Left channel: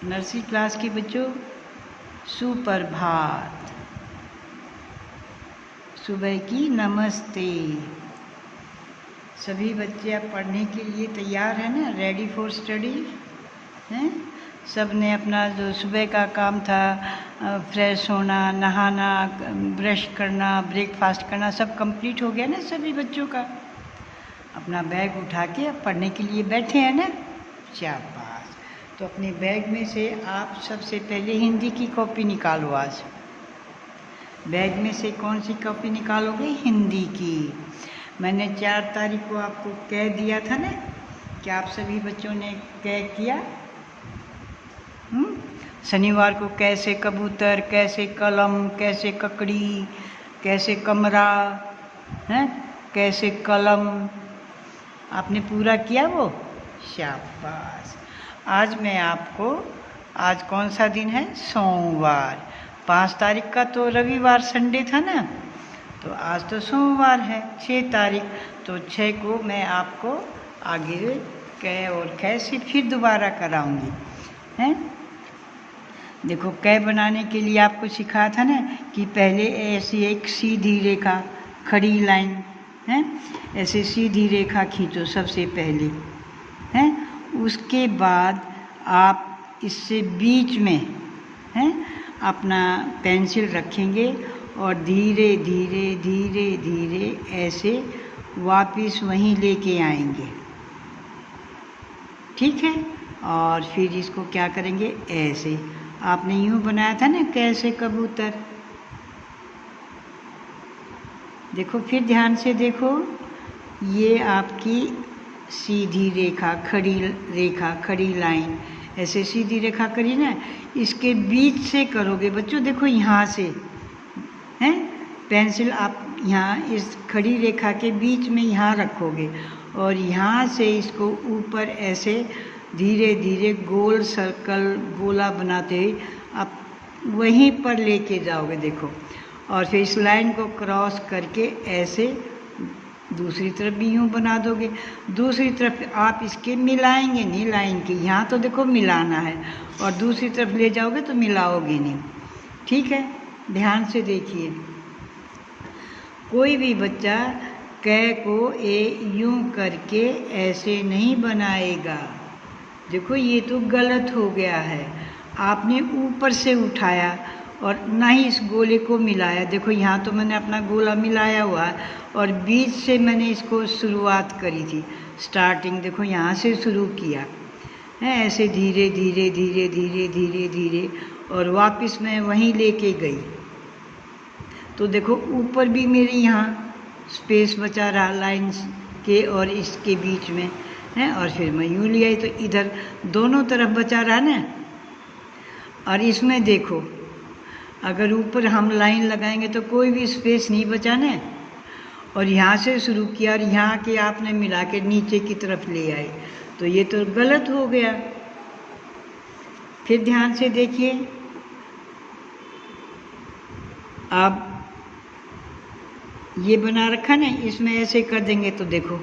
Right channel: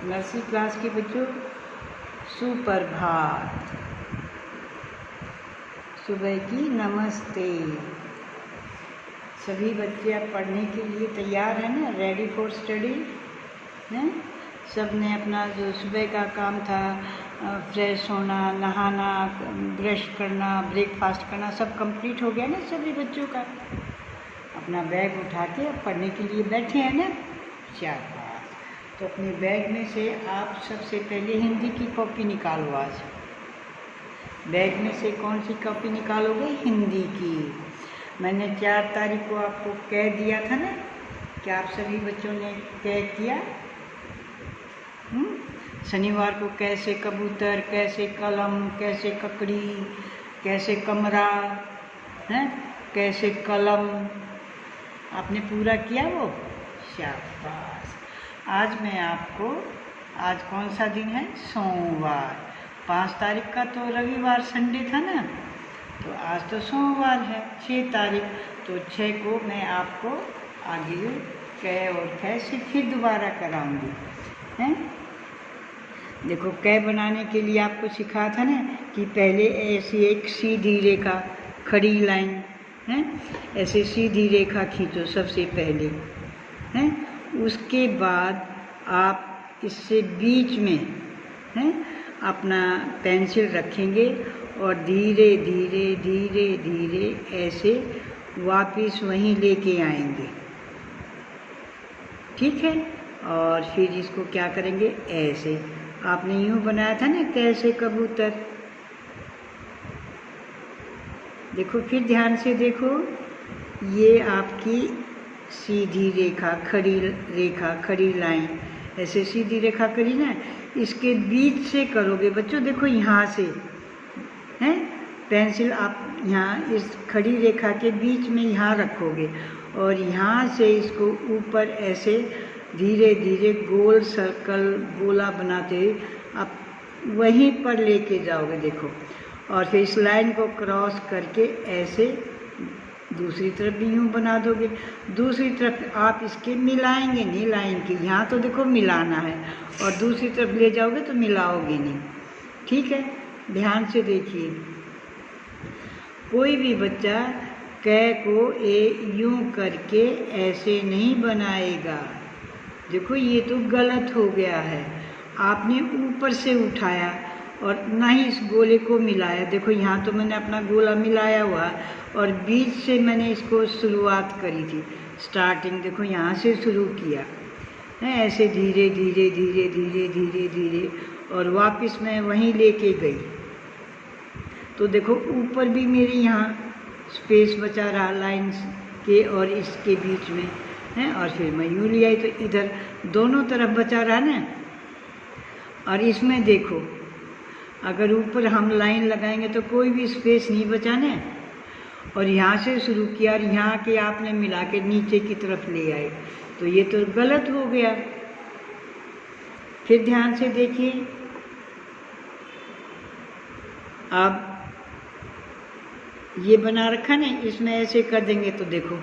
Nursery class के बच्चों सुप्रभात। सुबह की नमस्ते। सभी बच्चे अब पढ़ने के लिए तैयार हैं ना, रेडी फॉर स्टडी हैं। सब ने अपना जो सुबह का काम था, फ्रेश होना, नहाना, ब्रश करना, ब्रेकफास्ट करना, सब कंप्लीट हो गया ना सभी बच्चों का। अपना बैग उठा के अब पढ़ने के लिए बैठे हैं ना। शाबाश। तो अपने बैग में से आप सबसे पहले हिंदी की कॉपी निकालो। आज बैग में से कौन सी कॉपी निकालोगे? हिंदी की। मैंने 4 तारीख को आपको कह दिया था ना कि आप सभी बच्चों ने कह किया। शनिवार को कैसे कबूतर, कैसे कलम, कैसे ककड़ी, कैसे कमरा है, कैसे कलम, आपने पूरा किया वो? शाबाश। आज मैं आपको, आज कौन सा दिन है? सोमवार। 5 तारीख का तो रविवार संडे था ना, तो आज तो सोमवार है 6 तारीख। तो 6 को मैं आपको आगे कै और कैसे फिर दोबारा कराऊंगी हैं। देखो कै बनाने के लिए आपको सिखाया था ना कि पहले ऐसी एक सीधी रेखा, खड़ी लाइन है, ऐसे सीधी रेखा खींचो सबसे पहले हैं। उसके बाद आप इससे बीच में हैं अपना पेंसिल रखेंगे और धीरे धीरे धीरे धीरे ऐसे वापस वहीं लेके आएंगे, ठीक है। और फिर इसको क्या करेंगे? ऐसे आपने यूं बनाया था ना, कैसे कबूतर। देखो फिर ध्यान से देखो, ये आपकी सीधी रेखा, खड़ी लाइन, ऐसे सीधी रेखा करी ना, इसके बीच से करोगे बच्चों। देखो यहाँ से हैं, पेंसिल आप यहाँ इस खड़ी रेखा के बीच में यहाँ रखोगे और यहाँ से इसको ऊपर ऐसे धीरे धीरे गोल सर्कल, गोला बनाते हुए आप वहीं पर लेके जाओगे। देखो, और फिर इस लाइन को क्रॉस करके ऐसे दूसरी तरफ भी यूँ बना दोगे। दूसरी तरफ आप इसके मिलाएंगे नहीं लाइन के, यहाँ तो देखो मिलाना है, और दूसरी तरफ ले जाओगे तो मिलाओगे नहीं, ठीक है। ध्यान से देखिए, कोई भी बच्चा कै को यूँ करके ऐसे नहीं बनाएगा। देखो ये तो गलत हो गया है, आपने ऊपर से उठाया और ना ही इस गोले को मिलाया। देखो यहाँ तो मैंने अपना गोला मिलाया हुआ है और बीच से मैंने इसको शुरुआत करी थी, स्टार्टिंग देखो यहाँ से शुरू किया है, ऐसे धीरे धीरे धीरे धीरे धीरे धीरे, और वापस मैं वहीं लेके गई। तो देखो ऊपर भी मेरे यहाँ स्पेस बचा रहा लाइन्स के और इसके बीच में है, और फिर मैं यूँ ले आई तो इधर दोनों तरफ बचा रहा ना। और इसमें देखो, अगर ऊपर हम लाइन लगाएंगे तो कोई भी स्पेस नहीं बचाना, और यहाँ से शुरू किया और यहाँ के आपने मिला के नीचे की तरफ ले आए, तो ये तो गलत हो गया। फिर ध्यान से देखिए, अब ये बना रखा ना, इसमें ऐसे कर देंगे तो देखो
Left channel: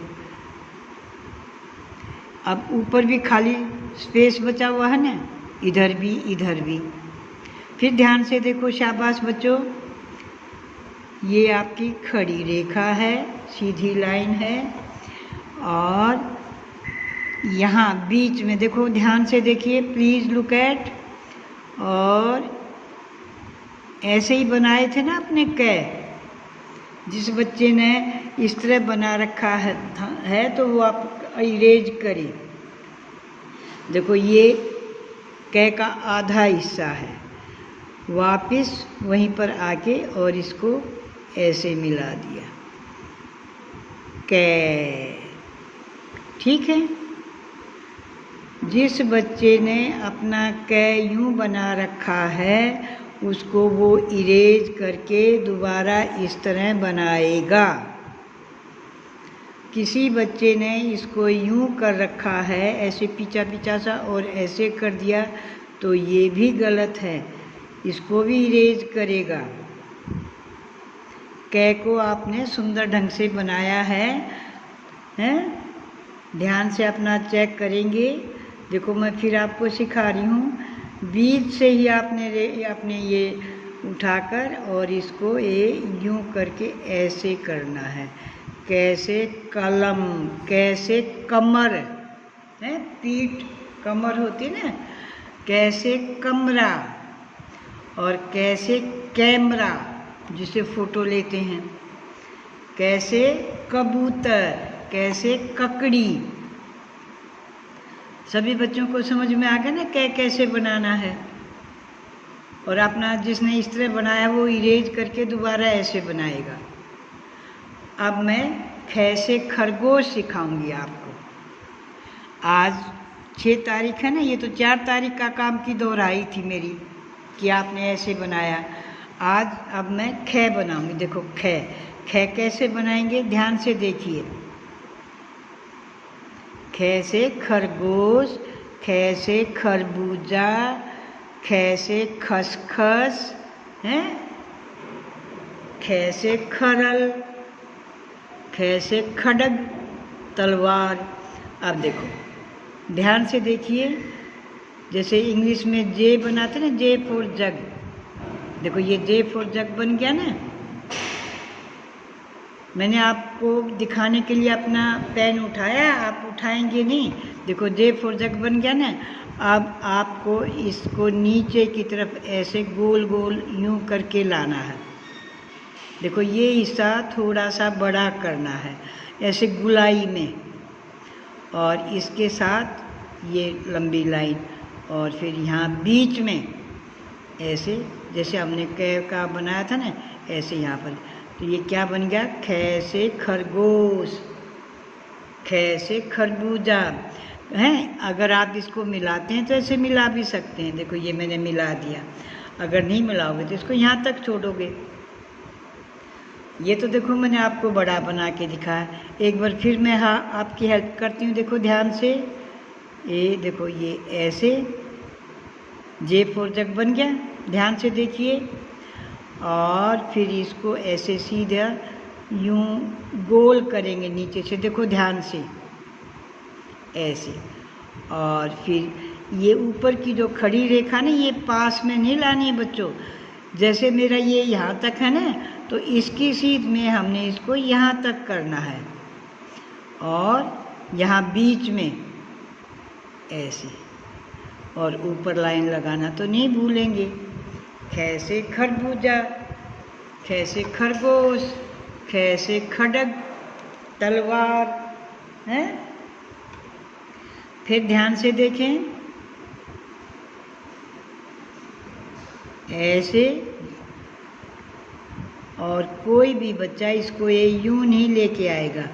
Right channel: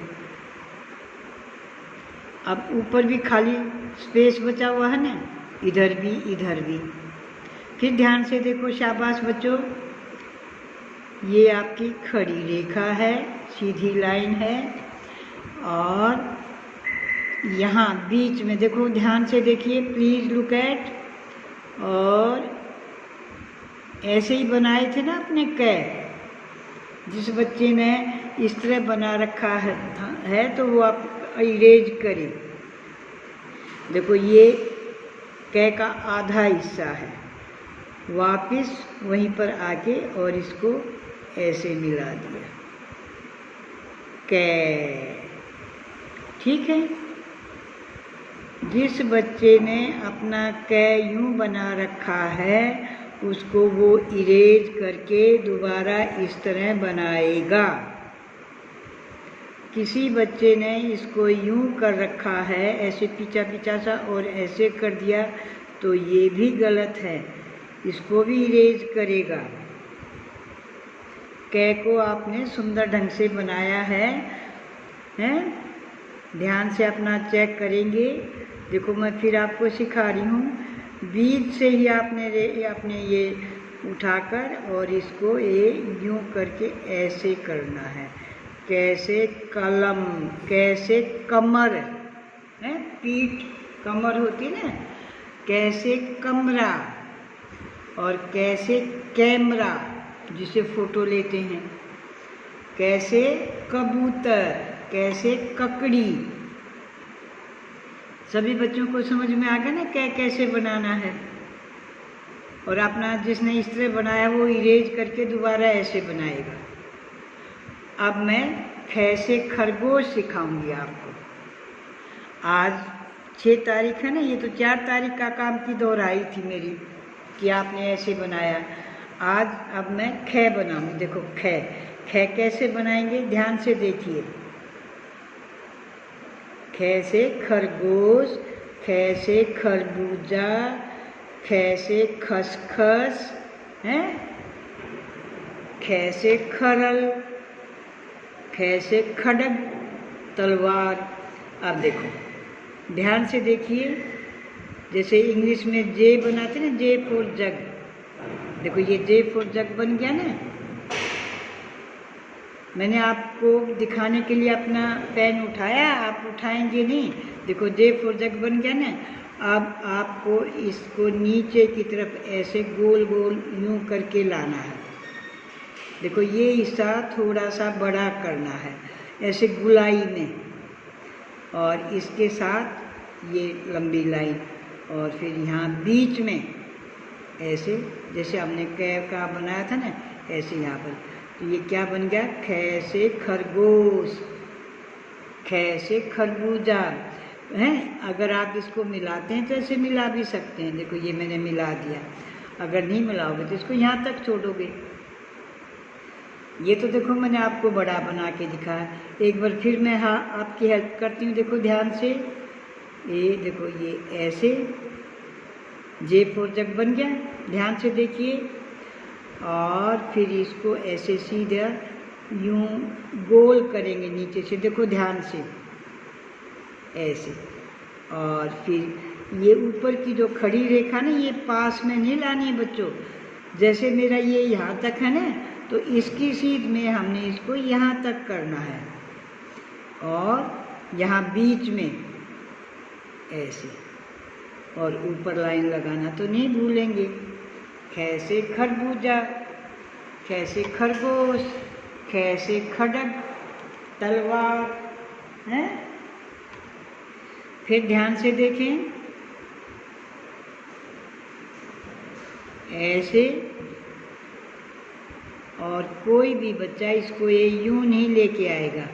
अब ऊपर भी खाली स्पेस बचा हुआ है ना, इधर भी इधर भी। फिर ध्यान से देखो, शाबाश बच्चों, ये आपकी खड़ी रेखा है, सीधी लाइन है, और यहाँ बीच में देखो, ध्यान से देखिए, प्लीज़ लुक एट। और ऐसे ही बनाए थे ना अपने कै। जिस बच्चे ने इस तरह बना रखा है तो वो आप इरेज करें। देखो ये कै का आधा हिस्सा है, वापस वहीं पर आके और इसको ऐसे मिला दिया, कै, ठीक है। जिस बच्चे ने अपना कै यूँ बना रखा है उसको वो इरेज करके दोबारा इस तरह बनाएगा। किसी बच्चे ने इसको यूँ कर रखा है, ऐसे पीछा पीछा सा, और ऐसे कर दिया, तो ये भी गलत है, इसको भी इरेज करेगा। कै को आपने सुंदर ढंग से बनाया है, हैं? ध्यान से अपना चेक करेंगे। देखो मैं फिर आपको सिखा रही हूँ, बीच से ही आपने ये उठाकर और इसको ये यूं करके ऐसे करना है। कैसे कलम, कैसे कमर है, पीठ कमर होती है ना, कैसे कमरा, और कैसे कैमरा जिसे फोटो लेते हैं, कैसे कबूतर, कैसे ककड़ी। सभी बच्चों को समझ में आ गया ना कैसे बनाना है। और अपना जिसने इस तरह बनाया वो इरेज करके दोबारा ऐसे बनाएगा। अब मैं कैसे खरगोश सिखाऊंगी आपको। आज 6 तारीख है ना, ये तो 4 तारीख का काम की दोहराई थी मेरी कि आपने ऐसे बनाया। आज अब मैं खे बनाऊंगी। देखो खे कैसे बनाएंगे, ध्यान से देखिए। खे से खरगोश, खे से खरबूजा, खे से खसखस है, खे से खरल, खे से खड्ग तलवार। अब देखो ध्यान से देखिए, जैसे इंग्लिश में जे बनाते ना, जे फॉर जग। देखो ये जे फॉर जग बन गया ना। मैंने आपको दिखाने के लिए अपना पेन उठाया, आप उठाएंगे नहीं। देखो जे फॉर जग बन गया ना। अब आपको इसको नीचे की तरफ ऐसे गोल गोल यूं करके लाना है। देखो ये हिस्सा थोड़ा सा बड़ा करना है ऐसे गुलाई में, और इसके साथ ये लंबी लाइन, और फिर यहाँ बीच में ऐसे जैसे हमने कैव का बनाया था ना, ऐसे यहाँ पर। तो ये क्या बन गया, खे से खरगोश, खे से खरबूजा है। अगर आप इसको मिलाते हैं तो ऐसे मिला भी सकते हैं। देखो ये मैंने मिला दिया। अगर नहीं मिलाओगे तो इसको यहाँ तक छोड़ोगे। ये तो देखो मैंने आपको बड़ा बना के दिखाया। एक बार फिर मैं आपकी हेल्प करती हूँ। देखो ध्यान से, ये देखो ये ऐसे जे फॉर जग बन गया। ध्यान से देखिए। और फिर इसको ऐसे सीधा यूं गोल करेंगे नीचे से। देखो ध्यान से ऐसे। और फिर ये ऊपर की जो खड़ी रेखा ना, ये पास में नहीं लानी है बच्चों। जैसे मेरा ये यहाँ तक है ना, तो इसकी सीध में हमने इसको यहाँ तक करना है, और यहाँ बीच में ऐसे, और ऊपर लाइन लगाना तो नहीं भूलेंगे। कैसे खरबूजा, कैसे खरगोश, कैसे खड्ग तलवार है। फिर ध्यान से देखें, ऐसे। और कोई भी बच्चा इसको ये यूं नहीं लेके आएगा,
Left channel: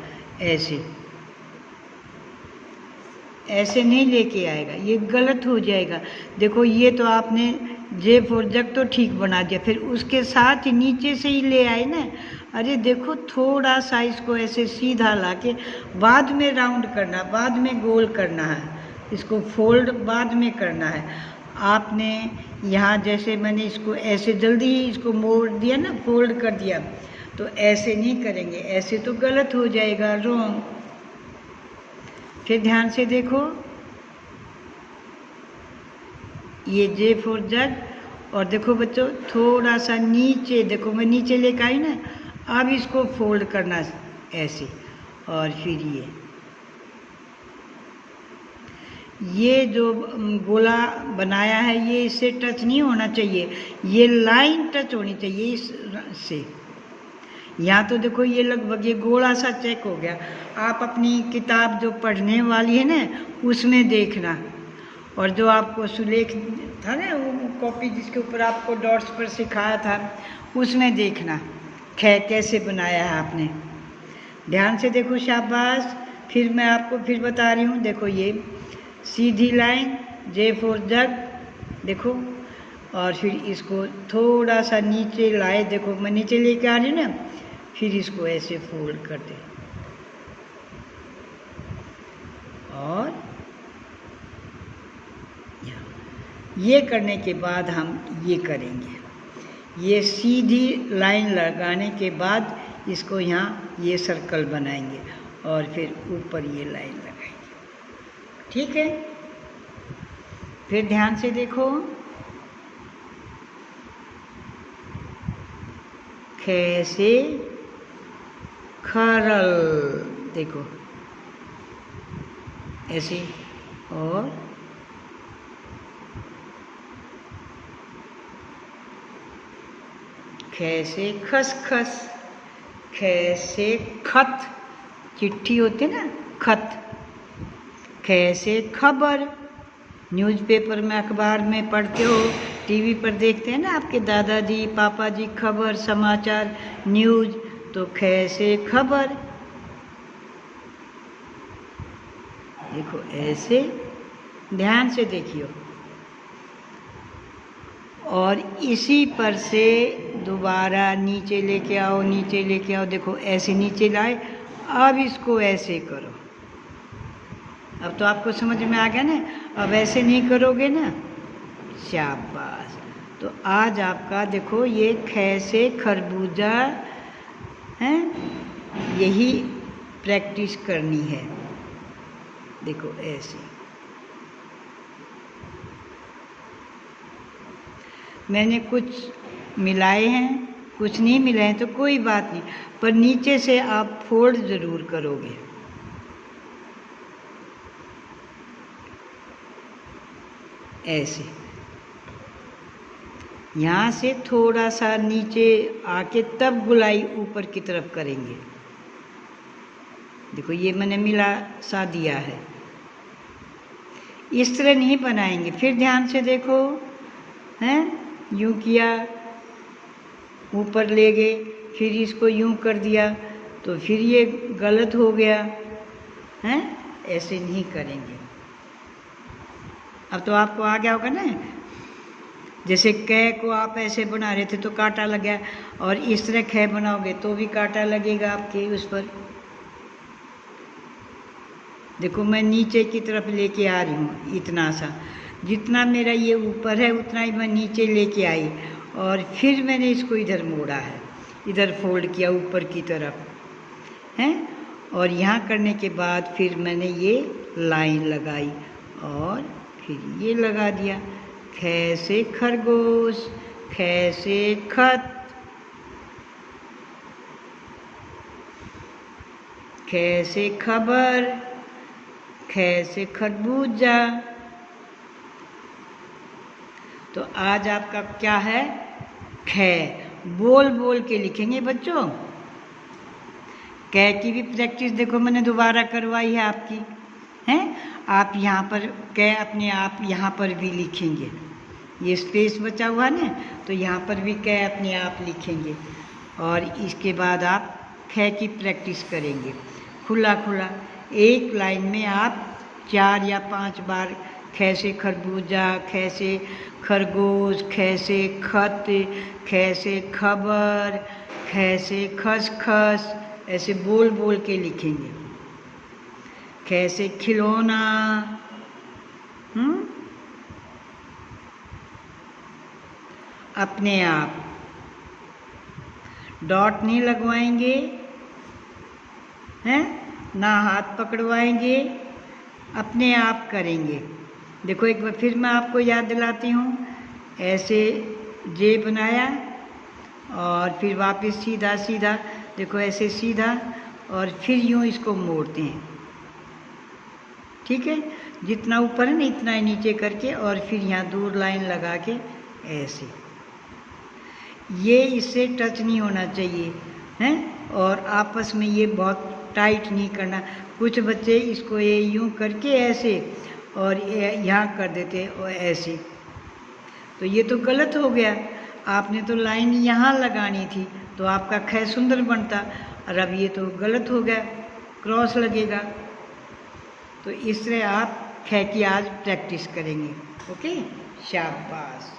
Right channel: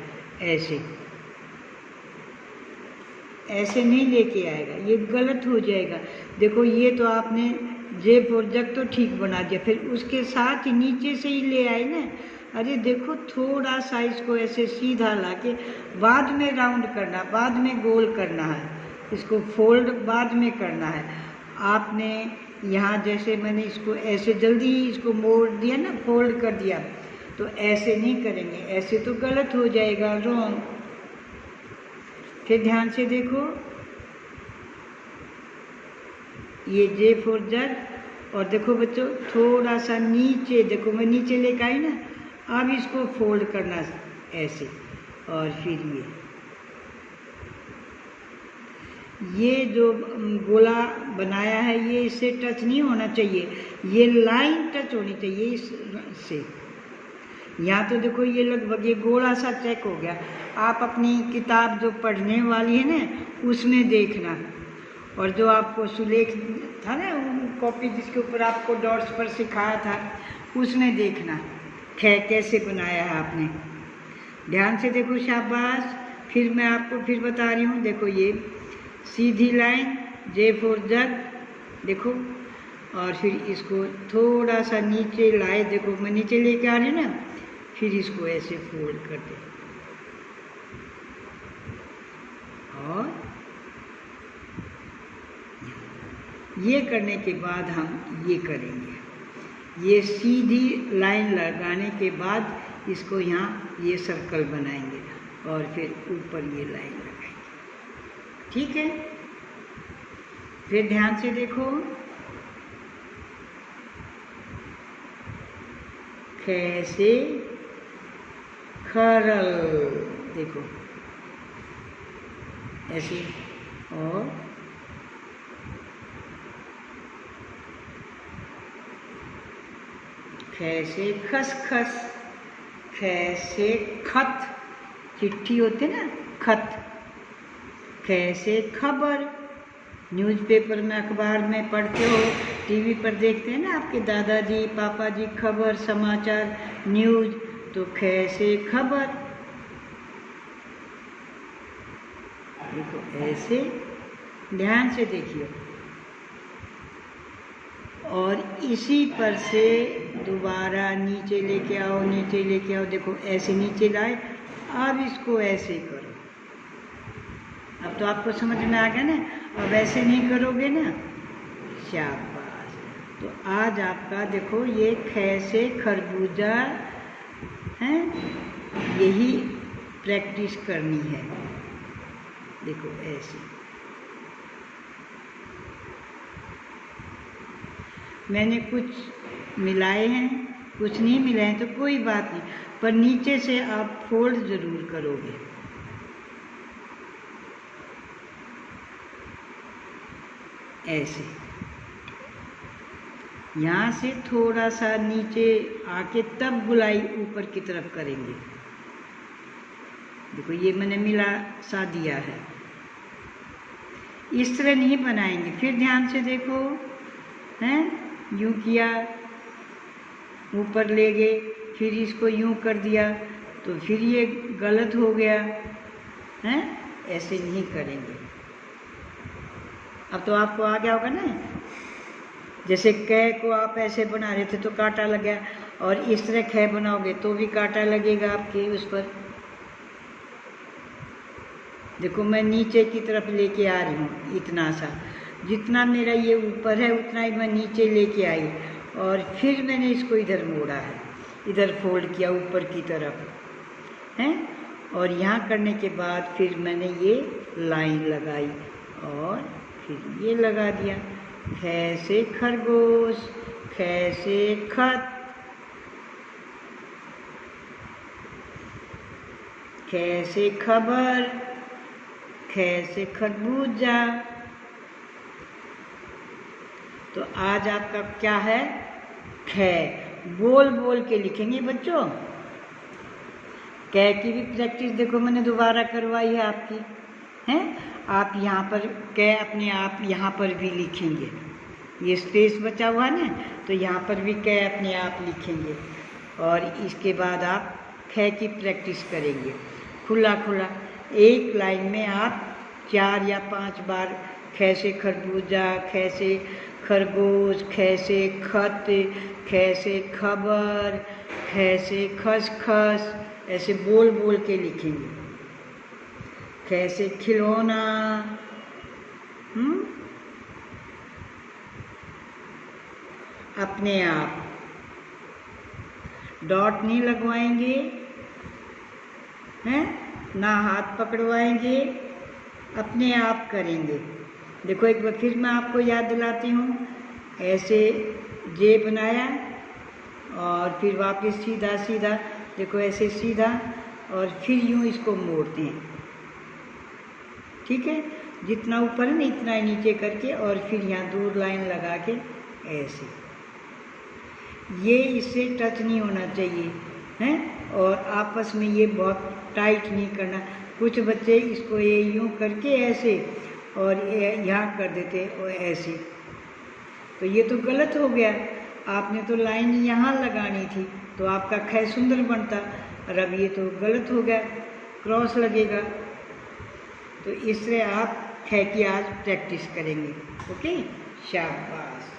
ऐसे नहीं लेके आएगा, ये गलत हो जाएगा। देखो ये तो आपने जे फॉर जग तो ठीक बना दिया, फिर उसके साथ ही नीचे से ही ले आए ना। अरे देखो थोड़ा सा इसको ऐसे सीधा लाके बाद में राउंड करना, बाद में गोल करना है, इसको फोल्ड बाद में करना है। आपने यहाँ जैसे मैंने इसको ऐसे जल्दी ही इसको मोड़ दिया ना, फोल्ड कर दिया, तो ऐसे नहीं करेंगे, ऐसे तो गलत हो जाएगा, रॉन्ग। फिर ध्यान से देखो, ये जे फॉर जग। और देखो बच्चों थोड़ा सा नीचे, देखो मैं नीचे लेकर आई ना, अब इसको फोल्ड करना ऐसे, और फिर ये जो गोला बनाया है ये इससे टच नहीं होना चाहिए, ये लाइन टच होनी चाहिए इससे। यहाँ तो देखो ये लगभग ये गोला सा चेक हो गया। आप अपनी किताब जो पढ़ने वाली है ना उसमें देखना, और जो आपको सुलेख था ना वो कॉपी जिसके ऊपर आपको डॉट्स पर सिखाया था उसमें देखना खे कैसे बनाया है आपने। ध्यान से देखो, शाबाश। फिर मैं आपको फिर बता रही हूँ, देखो ये सीधी लाइन जे फॉर जग, देखो, और फिर इसको थोड़ा सा नीचे लाए, देखो मैं नीचे लेके आ रही हूँ ना, फिर इसको ऐसे फोल्ड कर दे, और ये करने के बाद हम ये करेंगे। ये सीधी लाइन लगाने के बाद इसको यहाँ ये सर्कल बनाएंगे, और फिर ऊपर ये लाइन लगाएंगे। ठीक है, फिर ध्यान से देखो, ख से खरल, देखो ऐसे, और ख से खसखस, ख से खत, चिट्ठी होती ना, खत। ख से खबर, न्यूज़पेपर में, अखबार में पढ़ते हो, टीवी पर देखते हैं ना आपके दादाजी पापा जी, खबर, समाचार, न्यूज़, तो ख से खबर। देखो ऐसे ध्यान से देखिए, और इसी पर से दोबारा नीचे लेके आओ, नीचे लेके आओ, देखो ऐसे नीचे लाए। अब इसको ऐसे करो। अब तो आपको समझ में आ गया ना, अब ऐसे नहीं करोगे ना, शाबाश। तो आज आपका देखो ये ख से खरबूजा है, यही प्रैक्टिस करनी है। देखो ऐसे, मैंने कुछ मिलाए हैं, कुछ नहीं मिलाए हैं, तो कोई बात नहीं, पर नीचे से आप फोल्ड ज़रूर करोगे। ऐसे यहाँ से थोड़ा सा नीचे आके तब गुलाई ऊपर की तरफ करेंगे। देखो ये मैंने मिला सा दिया है, इस तरह नहीं बनाएंगे। फिर ध्यान से देखो, हैं, यूँ किया, ऊपर ले गए, फिर इसको यूँ कर दिया, तो फिर ये गलत हो गया, हैं, ऐसे नहीं करेंगे। अब तो आपको आ गया होगा ना, जैसे कै को आप ऐसे बना रहे थे तो कांटा लग गया, और इस तरह ख बनाओगे तो भी कांटा लगेगा आपके उस पर। देखो मैं नीचे की तरफ लेके आ रही हूँ, इतना सा, जितना मेरा ये ऊपर है उतना ही मैं नीचे लेके आई, और फिर मैंने इसको इधर मोड़ा है, इधर फोल्ड किया ऊपर की तरफ, हैं, और यहाँ करने के बाद फिर मैंने ये लाइन लगाई और फिर ये लगा दिया। ख से खरगोश, ख से खत, ख से खबर, ख से खरबूजा। तो आज आपका क्या है, ख। बोल बोल के लिखेंगे बच्चों। कै की भी प्रैक्टिस देखो मैंने दोबारा करवाई है आपकी, हैं। आप यहाँ पर कै अपने आप यहाँ पर भी लिखेंगे, ये स्पेस बचा हुआ है ना, तो यहाँ पर भी कै अपने आप लिखेंगे, और इसके बाद आप ख की प्रैक्टिस करेंगे खुला खुला। एक लाइन में आप 4 या 5 बार ख से खरबूजा, ख से खरगोश, ख से खत, ख से खबर, ख से खसखस, ऐसे बोल बोल के लिखेंगे। ख से खिलौना, अपने आप, डॉट नहीं लगवाएंगे, हैं, ना हाथ पकड़वाएंगे, अपने आप करेंगे। देखो एक बार फिर मैं आपको याद दिलाती हूँ, ऐसे जे बनाया और फिर वापस सीधा सीधा, देखो ऐसे सीधा, और फिर यूँ इसको मोड़ते हैं, ठीक है। जितना ऊपर है ना इतना ही नीचे करके, और फिर यहाँ 2 लाइन लगा के ऐसे, ये इससे टच नहीं होना चाहिए, हैं, और आपस में ये बहुत टाइट नहीं करना। कुछ बच्चे इसको ये यूँ करके ऐसे, और यहाँ कर देते और ऐसे, तो ये तो गलत हो गया। आपने तो लाइन यहाँ लगानी थी तो आपका ख सुंदर बनता, और अब ये तो गलत हो गया, क्रॉस लगेगा। तो इस तरह आप ख की आज प्रैक्टिस करेंगे। ओके, शाबाश,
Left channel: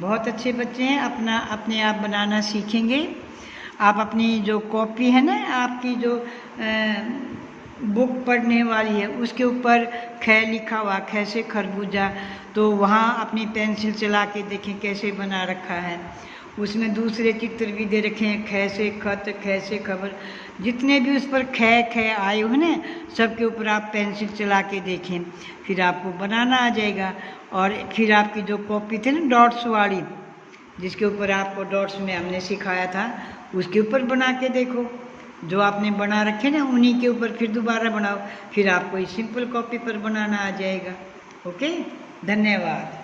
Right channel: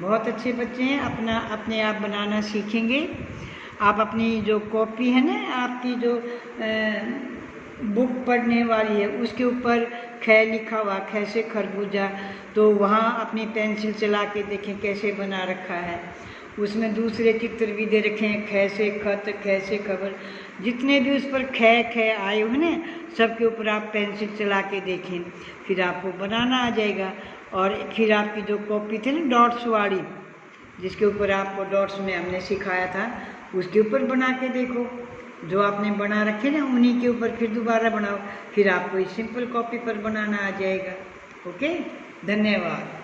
बहुत अच्छे बच्चे हैं, अपने आप बनाना सीखेंगे। आप अपनी जो कॉपी है ना, आपकी जो बुक पढ़ने वाली है, उसके ऊपर ख लिखा हुआ, ख से खरबूजा, तो वहाँ अपनी पेंसिल चला के देखें कैसे बना रखा है। उसमें दूसरे चित्र भी दे रखे हैं, ख से खत, ख से खबर, जितने भी उस पर ख आए हुए ना, सबके ऊपर आप पेंसिल चला के देखें, फिर आपको बनाना आ जाएगा। और फिर आपकी जो कॉपी थी ना डॉट्स वाली, जिसके ऊपर आपको डॉट्स में हमने सिखाया था, उसके ऊपर बना के देखो। जो आपने बना रखे ना उन्हीं के ऊपर फिर दोबारा बनाओ, फिर आपको इस सिंपल कॉपी पर बनाना आ जाएगा। ओके, धन्यवाद।